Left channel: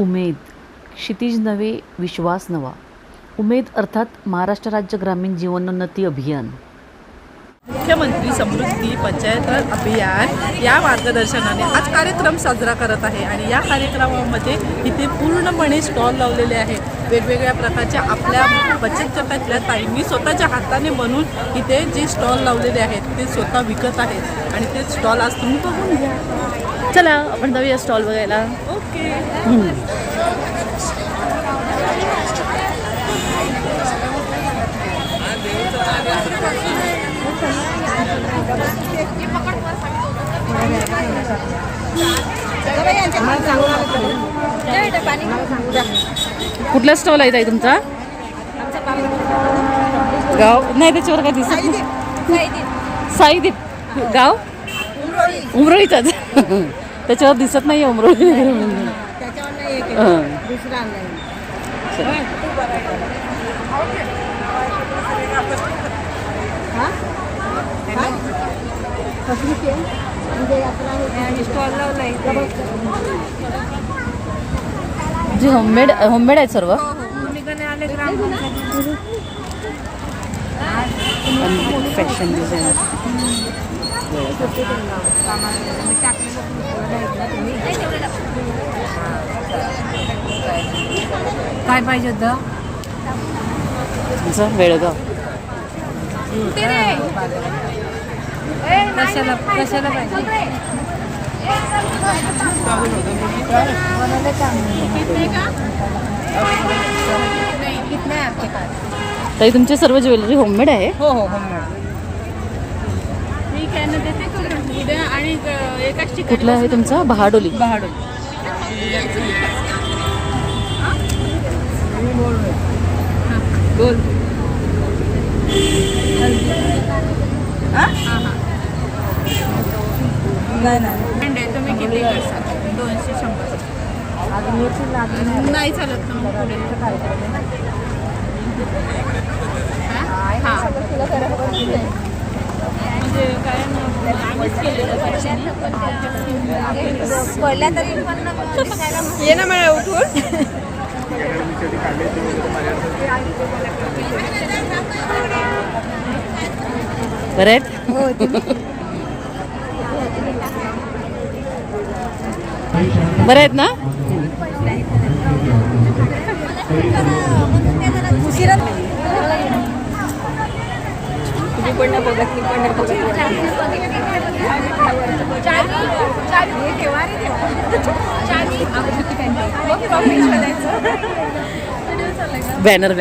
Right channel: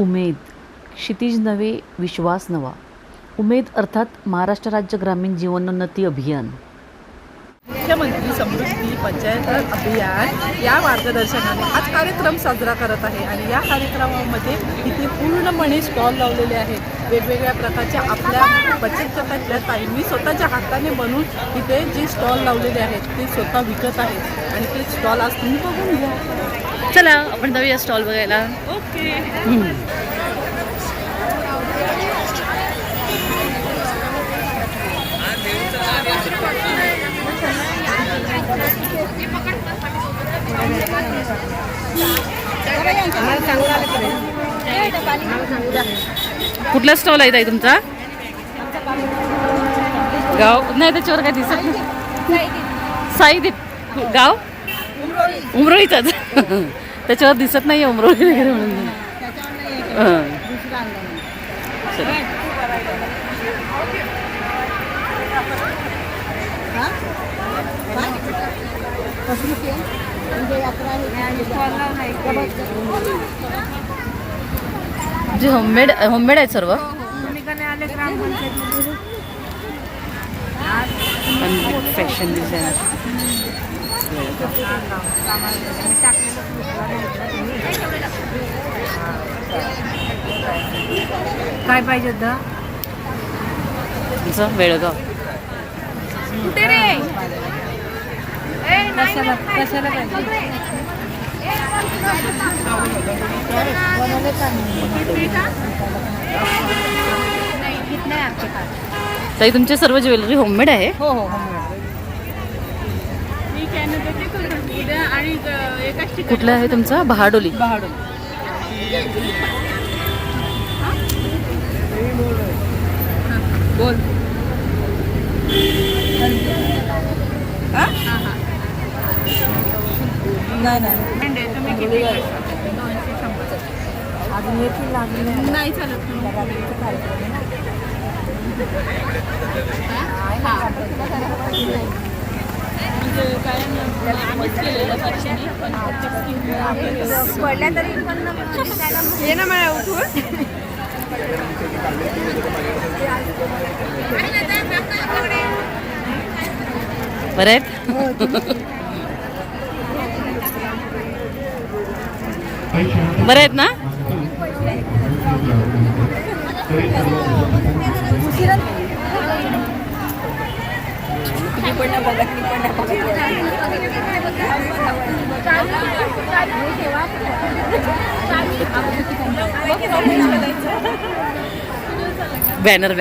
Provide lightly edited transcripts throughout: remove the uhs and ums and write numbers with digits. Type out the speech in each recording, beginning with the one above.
उमेद, क्षितिज नवे विश्वास नवा. उमेद अर्थात महाराष्ट्र राज्य ग्रामीण जीवनोन्नती अभियान. मुख्यमंत्री समृद्धी पंचायत अभियान या मार्गदर्शनाने आज कार्यक्रम साजरा करत आहे आणि या कार्यक्रमामध्ये इथे पूर्णपणे स्टॉल लावलेले आहेत. वेगवेगळ्या प्रकारच्या आपल्या बचत गटातल्या ताईंनी स्वतःच्या हाताने बनवून इथे जे स्टॉल लावलेले आहेत ते स्वतः विकत आहेत आणि ते स्टॉल आज तुम्ही बघून घ्या. चला आपण जाऊया स्टॉल बघायला. ओके. कुठला स्टॉल आहे ताई तुमचा? गाव नाही त्याच्यावर काय दिसत नाही. साईदीप गाव उमरोळीचाच त्याच्यावर दिसत नाही उमरोळी वगैरे म्हणून. जे होममेड आहे सर्व. फॅशन डिझायनर काय पाहिजे होतं? वेळगाव. कशाला पाहिजे? ताई तुमचे सर्व ज्वेलरी होममेड आहे? हो हो होममेड. कुठला आहे तुमचा? बहाडोली. बोल. नाही चालत ना पुढे. ये ना मला उठून. बरं आहेत? बरं आहेत ना? बॅनर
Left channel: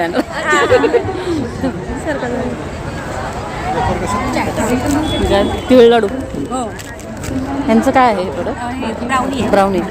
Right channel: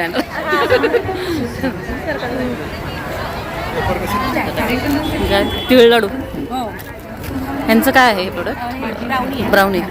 तिळ लाडू. यांचं काय आहे प्रोडक्ट? ब्राउनी.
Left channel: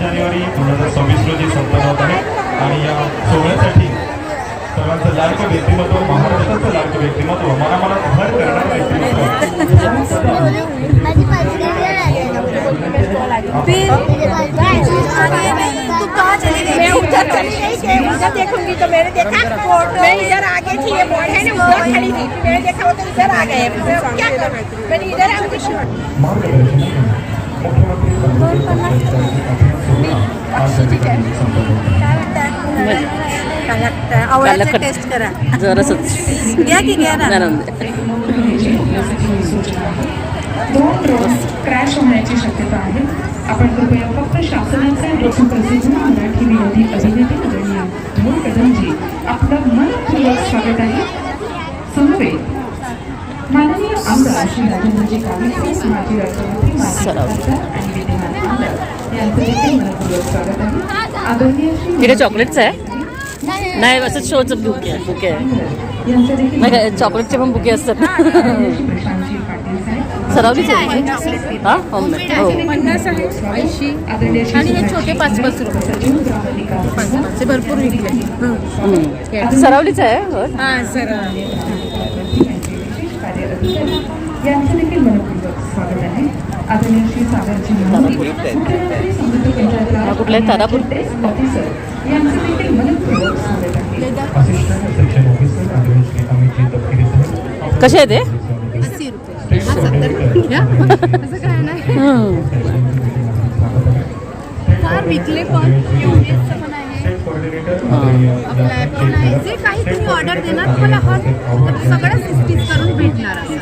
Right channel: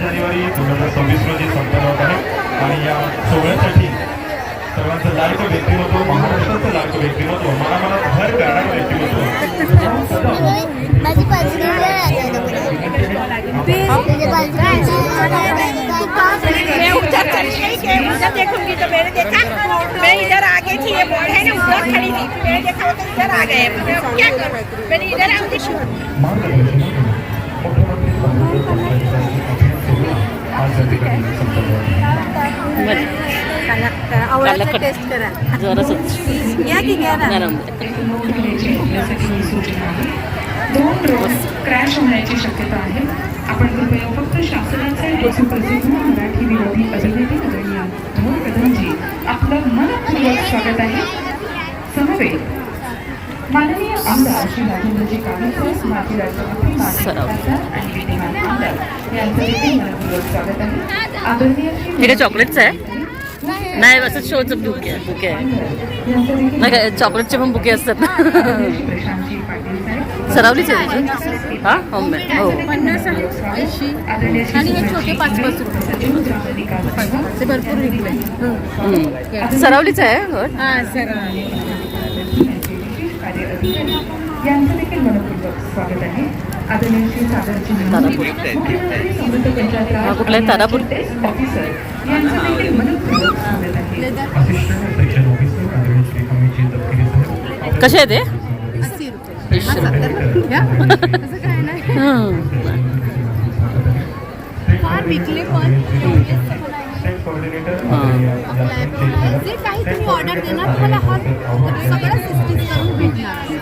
जानेवारी 2026 मध्ये संपन्न आहे आणि या सोहळ्यासाठी सर्वांचं लाडकं व्यक्तिमत्व, महाराष्ट्राचं लाडकं व्यक्तिमत्व, मनामनात भर करणारं व्यक्तिमत्व देखूंगी तो मैंने देखा. मैं इधर आगे थी, ये बोर्ड है ना उधर खड़ी थी. मैंने देखा तो इधर आ गए. क्या करूं? मैंने इधर आके आवळ्याचा टेस्ट करा जरासच घ्या की घ्या ना. क्रॅश होण्याची शक्यता आहे. आपण कृपया फक्त शासनाचे सुप्रसिद्ध मराठी विरोधी अभिनेते आदरणीय धोम कदमजी आपलं मनपूर्वक स्वागत आहे. समवेत माननीय आमदार श्री राजेंद्रजी काळेकर, माजी राज्यमंत्री, माजी खासदार आणि विद्यमान आमदार यांचं देखील मनपूर्वक स्वागत आहे. आदरणीय श्री हे चॉकलेटचं आहे? नाही असं शोचं बुके आहे. नाही काय चॉकलेटचे पण बुके असतात ना. प्रशांतजी पाटील साहेब सरावलीच आहे तिथे? हा होममेड. हो 50 आहे, 80 आणि हे छोटे 5-5 रुपये ते भरपूर विकले. सरावलीच आहे हो. हां सर यांचं देखील मनपूर्वक स्वागत आहे. आदरणीय श्री सागरजी तारापूर. मुख्यमंत्री समृद्ध पंचायत हा कुठला आहे? तारापूर. ऑफिसर यांचं देखील मनपूर्वक स्वागत आहे. असिस्टंट सेक्शन ऑफिसर आदरणीय श्री अमितजी तपकिरे साहेब. कसे आहे ते? 80 रुपये. स्टेट कोऑर्डिनेटर असं काय नाही. काय विकले पण स्टेट कोऑर्डिनेटर जे काही तुम्ही ऑर्डर देणार तुम्हाला सगळं स्टिच करून भेटणार असं.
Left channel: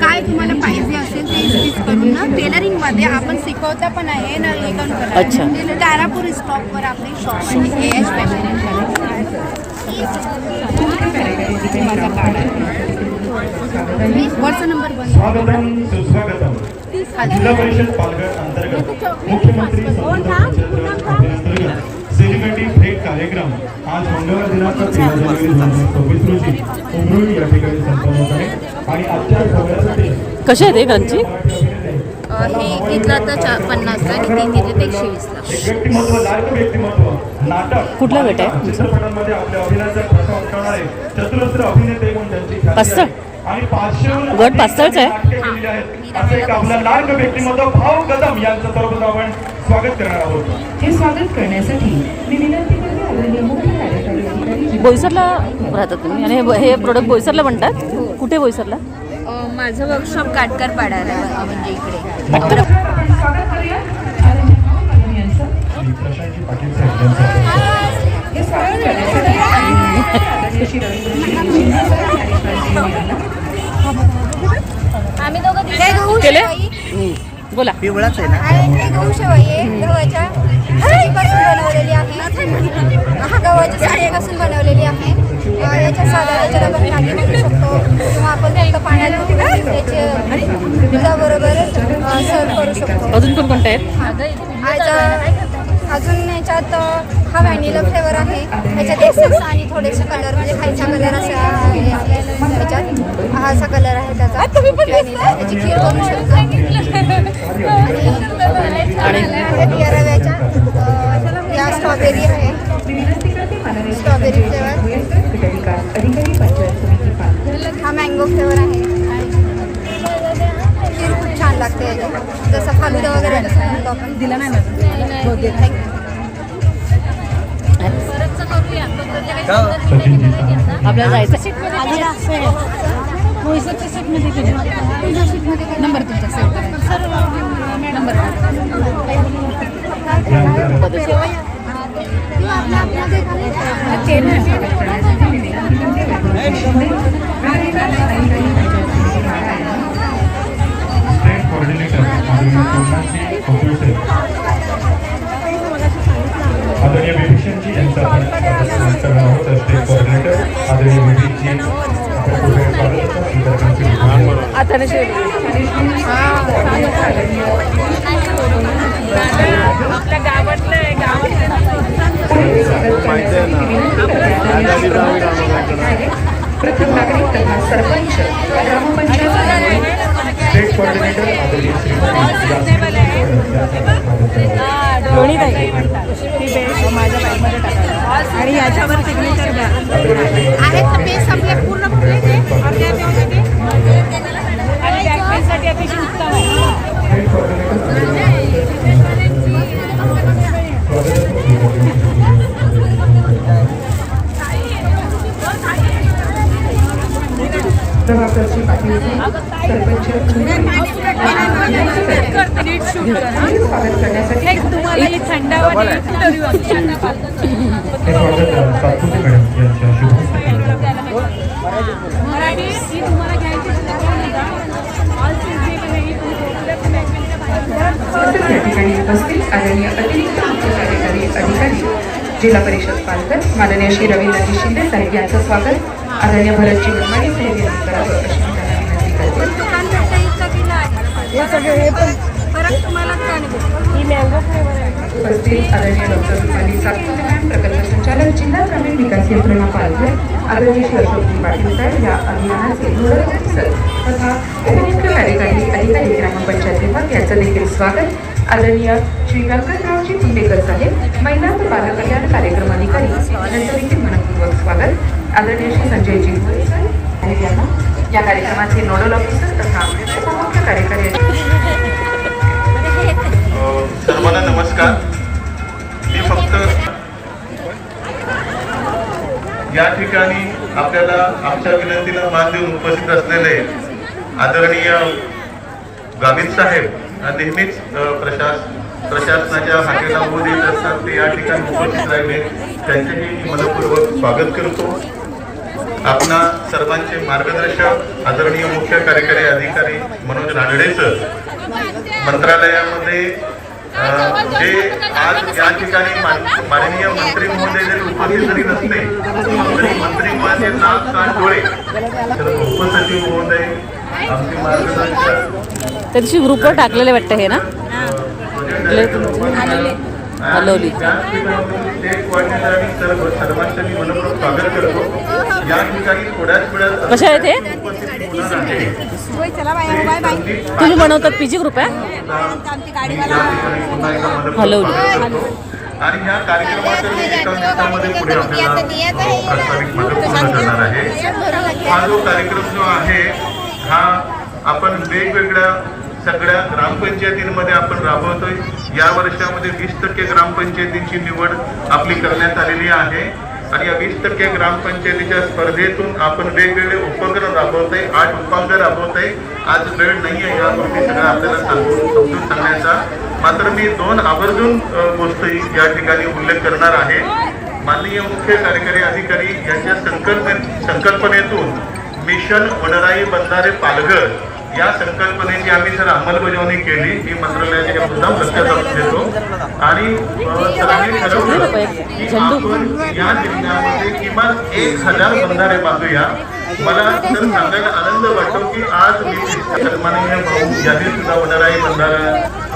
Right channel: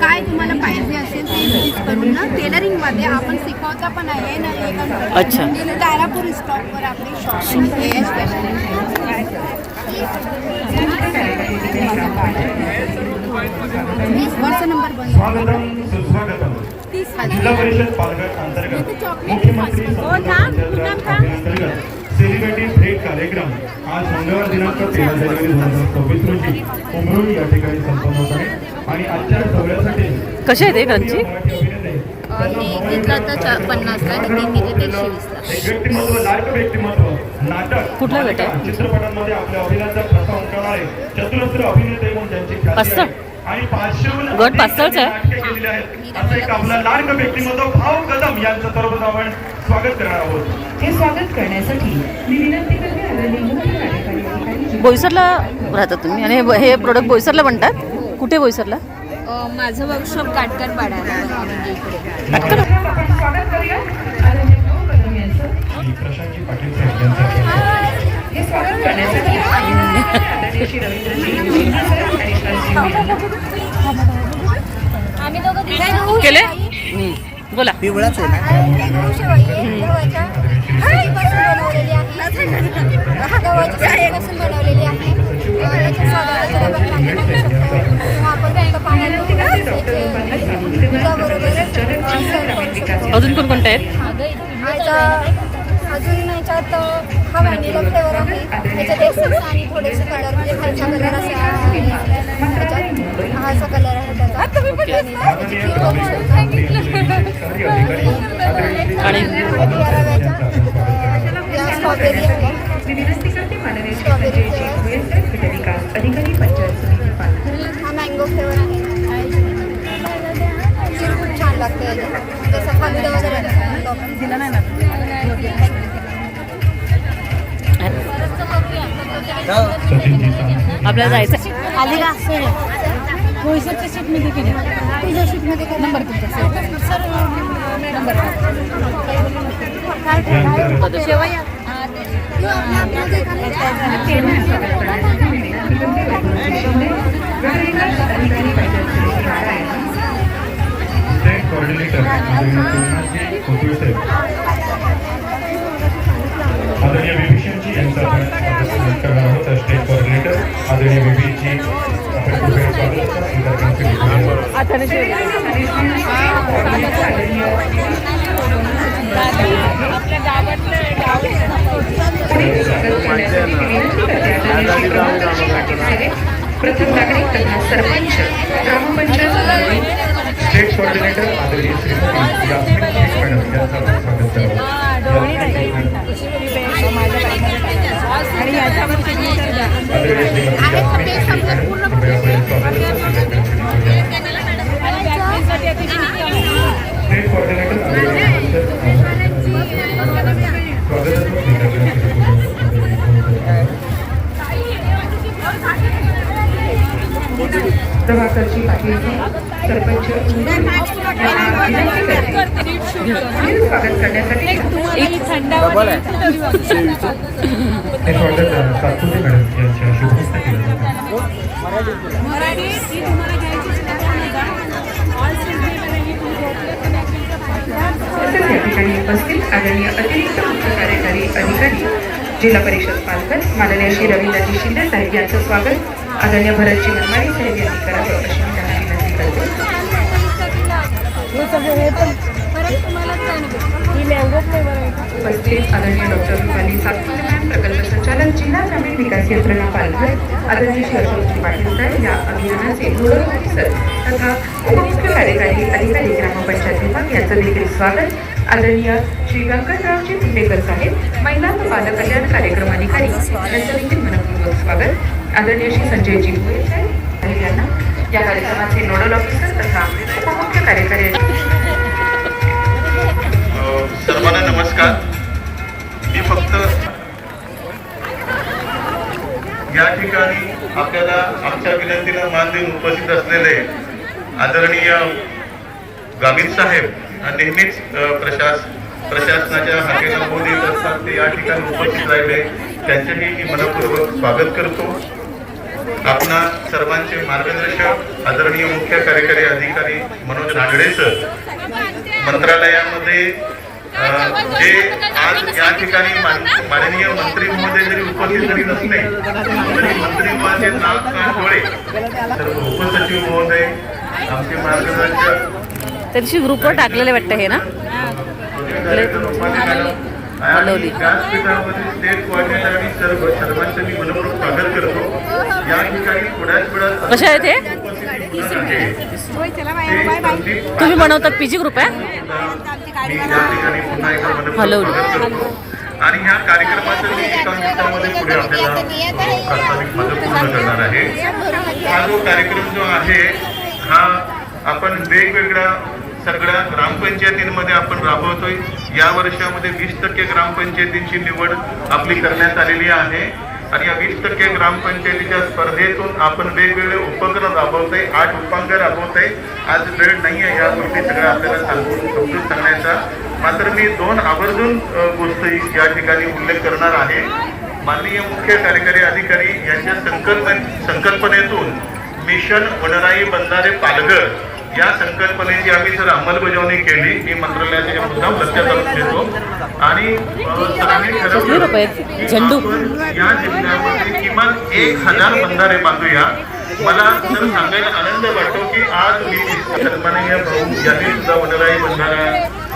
काय तुम्हाला पाहिजे असेल ते स्टिच करून ना टेलरिंगमध्ये आपण शिकवता पण आहे ना हे काम अच्छा. करा. तारापूर स्टॉपवर आपली शॉप आहे AH फॅशन. माझा कार्ड आहे. वर्ष नंबर बंद. स्वागतम सुस्वागतम. जिल्हा परिषद पालघर अंतर्गत मुख्यमंत्री सेलिब्रिटी भेट कार्यक्रम आज मंगळवार दिनांक 13 जानेवारी 2024 रोजी उमरोली या ठिकाणी संपन्न होत आहे. आणि आजच्या सोहळ्यासाठी कसे आहे ते गंजी? मी घेतलं तर 50ला आणि ती घेतली तर 120ला. एक व्यक्तिमत्व, लायक व्यक्तिमत्व, नाटक, कुठला गट आहे? चित्रपटांमध्ये आपल्या अभिनयाचा प्रभाव उमटवणारे चतुरस्र अभिनेते म्हणून त्यांची ख्याती पाचसं? आहे. आणि 500 गट पाचसंच आहे? नाटके केलेली आहेत. असं एक आपलं लायक व्यक्तिमत्व भाऊ कदम यांचं सर्वप्रथम आपण स्वागत करणार आहोत. हे स्वागत करण्यासाठी मी विनंती करते आदरणीय मुख्य कार्यकारी अधिकारी बोईसरला राहतात तुम्ही आणि हे प्रोडक्ट बोईसरला बनतात? कुठे बोईसरला? माझं वर्कशॉप काटकर पाडायला म्हणजे इकडे. काटकर. स्वागत करूया आदरणीय भाऊ कदम यांचं. श्री प्रशांतजी पाटील साहेब यांचं हे स्वागत करण्यासाठी आदरणीय श्री रवींद्रजी सर आणि आम्ही दोघं केले? बोला. पिवळाच आहे ना. हे गहू शेव आहे गव्हाच्या सुजीपासून बनवलेली आहे. गव्हाच्या सुजीपासून बनवलेली आहे. याच्या साध्या आपण मॅगी बनवू शकतो किंवा आपण फक्त पाण्यात उकळून याचे दुधाबरोबर सर्व करू शकतो. अजून कोणकोणते आहेत? अजून याच्यात हा व्हॅनिला फ्लेवर आहे. त्याच्यात एसेन्स आणि थोडेसे कलर म्हणजे खायचा कलर असा त्याच्यात हा असा कलर आहे त्याचा व्हॅनिला. त्याची खीर बनवू शकतो. आणि या रव्याच्या या स्ट्रॉबेरी आहे. विनंती करते माननीय स्ट्रॉबेरी फ्लेवर. विकास अधिकारी पंचायत समिती पालघर. हा मँगो फ्लेवर आहे. खीर खूप छान लागते याची. जसं फालुदा वगैरे तसं म्हणतो आपण. दिला नाही सचिनजी साहेब. आपल्याला जायचं आली ना सर बोईसरच्या शीटमध्ये केली. तुझ्या शीटमध्ये नंबर तुमचा सर नंबर स्टेट कोऑर्डिनेटर आदरणीय सोमनाथजी खोपळे साहेब. आदरणीय विभीषणजी यांचं आपण स्वागत करणार आहोत. स्टेट कोऑर्डिनेटर आदरणीय विभीषणजी आपण कृपया स्वागत स्वीकार करतील. आता आपल्या गावातलं पुढे स्वागत करण्यासाठी मी विनंती करते आदरणीय श्री प्रथम नागरिक तथा सरपंच ग्रामपंचायत स्टेट कोऑर्डिनेटर आदरणीय श्रीमती जास्मिन मॅडम यांचं आपण स्वागत करणार. माझ्या बॅगमध्ये टाकायला आणि याच्यावर सिग्नेचर द्या. आदरणीय श्रीमती आहेत ना पेज आपले पूर्ण भरले ते अर्ध्या आणि बॅगसाठी अतिशय उत्तम आहे. स्टेट कोऑर्डिनेटर आदरणीय स्वागत. प्रभाकरजी पाटील सरपंच स्वागत करण्यासाठी तुम्हाला ही थंडावा नाही इंटरव्ह्यू हे स्वागत सातपुते मॅडम यांच्या शुभ हस्ते केले जाते. या ठिकाणी उपस्थित आदरणीय अतिरिक्त मुख्य कार्यकारी अधिकारी जिल्हा परिषद पालघर माननीय श्री रवींद्रजी शिंदे साहेब यांचं स्वागत आदरणीय भरतजी मनमाडे साहेब यांनी करावे अशी मी त्यांना विनंती करते. उपस्थित आदरणीय डॉक्टर रुपाली सातपुते प्रकल्प संचालक जिल्हा ग्रामीण विकास यंत्रणा पालघर, आदरणीय श्री अशोकजी पाटील साहेब या अभियानाचे नोडल ऑफिसर तथा उपमुख्य कार्यकारी अधिकारी ग्रामपंचायत विभाग यांचं देखील स्वागत. आदरणीय श्री व्यंकटरावजी तुंबेकर साहेब महिला व बाल कल्याण कार्यक्रम अधिकारी यांचं देखील मनपूर्वक स्वागत. आदरणीय श्री संजयजी भोळे साहेब यांना या कार्यक्रमाचे नोडल ऑफिसर तथा उपमुख्य कार्यकारी सर्वांना नमस्कार. मी फक्त या ठिकाणी आपल्याला आमच्या विनंतीला मान देऊन उपस्थित असलेले आदरणीय गावित साहेब नेहमीच प्रशासनाच्या हाकेला बोध येत असतात. ते या ठिकाणी उपस्थित राहिले त्यांचेही मी मनपूर्वक स्वागत करतो. आपणा सर्वांचे मार्गदर्शक आदरणीय मुख्य कार्यकारी अधिकारी मनोज रानडे सर, मंत्रालयामध्ये जे आज या ठिकाणी माननीय मंत्री महोदय जरी उपस्थित जरी नसले तरी मंत्री महोदय नागनाथ डोळे, सर्व उपसचिव महोदय, आमचे मार्गदर्शक त्या दिवशी ग्रुपवर टाकलेले वाटतं हे ना हलवली. व्यासपीठामध्ये स्टेट कोऑर्डिनेटर आणि सर्वांचं मी मनपूर्वक स्वागत करतो. या ठिकाणी थोड्याच वेळात कशा आहे ते तुम्ही बनवतात पीजी ग्रुप आहे मी या ठिकाणी पुन्हा एकदा मनपूर्वक हलवली. स्वागत करतो. आणि ह्या कार्यक्रमाचं मी एका मिनिटामध्ये पुढे आपल्याला प्रास्ताविक पूर्ण करणार आहे. हा जो कार्यक्रम जो आहे हा आपण वेगवेगळ्या सगळ्या ग्रामपंचायतींमध्ये आपण राबवतोय. या वर्षामध्ये 20% ग्रामपंचायतींची निवड आपली करण्यात आलेली आहे आणि या 20% ग्रामपंचायतीच्या स्पर्धेतून आपण वेगवेगळे उपक्रम राबवतोय. 8 उपांग राबवतोय. आज वेळ नाही आहे या गोष्टी सगळ्या आपल्याला समजून सांगण्याचा. मात्र मी 2 आवर्जून गोष्टी या ठिकाणी उल्लेख करणार आहे. माननीय मुख्य कार्यकारी अधिकारी यांच्या संकल्पनेतून मिशन वनराई बंधारे पालघर या संकल्पनेची आम्ही जर अंमलबजावणी केली, ही मंत्रालयाचे मुद्दाम लक्षात घेतो आणि सरांनी ठरवलं की आपण या जिल्ह्यामध्ये किमान 1000 बंधारे बांधूया. मला तर सांगायला आनंद वाटतो की आज मी सन्माननीय भाऊ यांनी सुद्धा वनराई बंधारा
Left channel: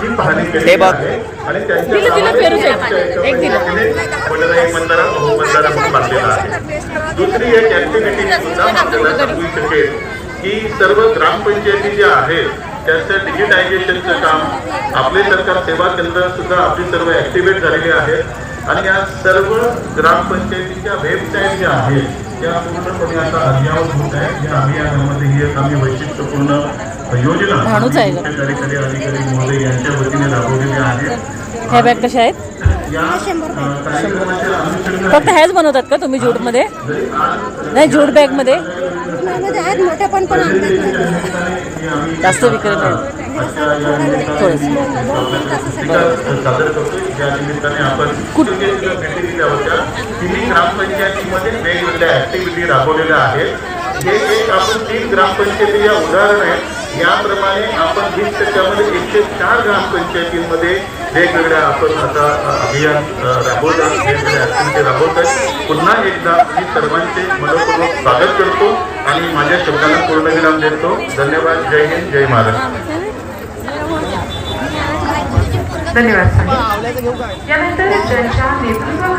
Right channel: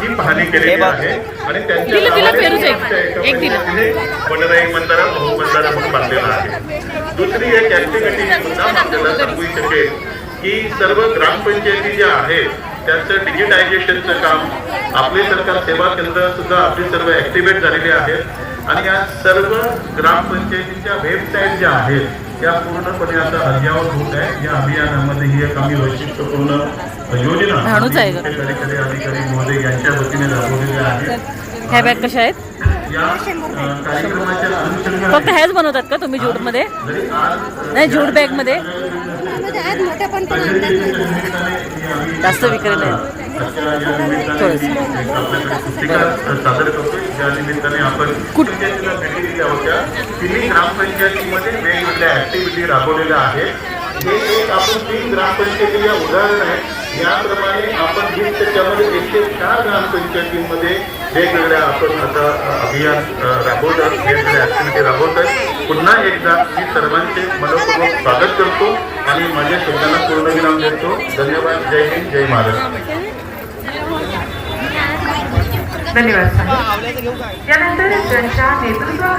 ही पाहणी केलेली आहे आणि त्यांच्या वनराई बंधारा भाऊ बंधारा म्हणून बांधलेला आहे. दुसरी एक ऍक्टिव्हिटी आपल्याला सांगू शकेल की सर्व ग्रामपंचायती ज्या आहेत त्याचं डिजिटायझेशनचं काम आपले सरकार सेवा केंद्र सुद्धा आपली सर्व ऍक्टिव्हेट झालेले आहेत आणि या सर्व ग्रामपंचायतीच्या वेबसाईट ज्या आहेत त्या पूर्णपणे आता अद्ययावत होत आहे. या अभियानामध्ये ही एक आम्ही वैशिष्ट्यपूर्ण योजना कार्यकारी अधिकारी महोदय यांच्या वतीने राबवलेल्या आहेत. ह्या बॅग कशा आहेत? या कार्यक्रमाच्या अनुषंगाने फक्त ह्याच बनवतात का तुम्ही ज्यूटमध्ये? नाही, ज्यूट बॅगमध्ये जास्त विक्री नाही. सादर करतो. ज्या निमित्ताने आपण कुठे भेटी दिल्या होत्या. 3 ग्रामपंचायतीमध्ये वेगवेगळ्या ऍक्टिव्हिटी राबवलेल्या आहेत. हे एक आपण 3 ग्रामपंचायतीच्या उदाहरण आहे. याप्रमाणे आपण 20%मध्ये 104 ग्रामपंचायतींमध्ये वेगवेगळ्या आपण आता अभियान राबवतात, वेगवेगळ्या ऍक्टिव्हिटी राबवतात. पुन्हा एकदा मी सर्वांचे मनपूर्वक स्वागत करतो आणि माझ्या शब्दांना पूर्णविराम देतो. धन्यवाद. जय हिंद, जय महाराष्ट्र. धन्यवाद साहेब. यानंतर ज्यांच्या नेतृत्वाखाली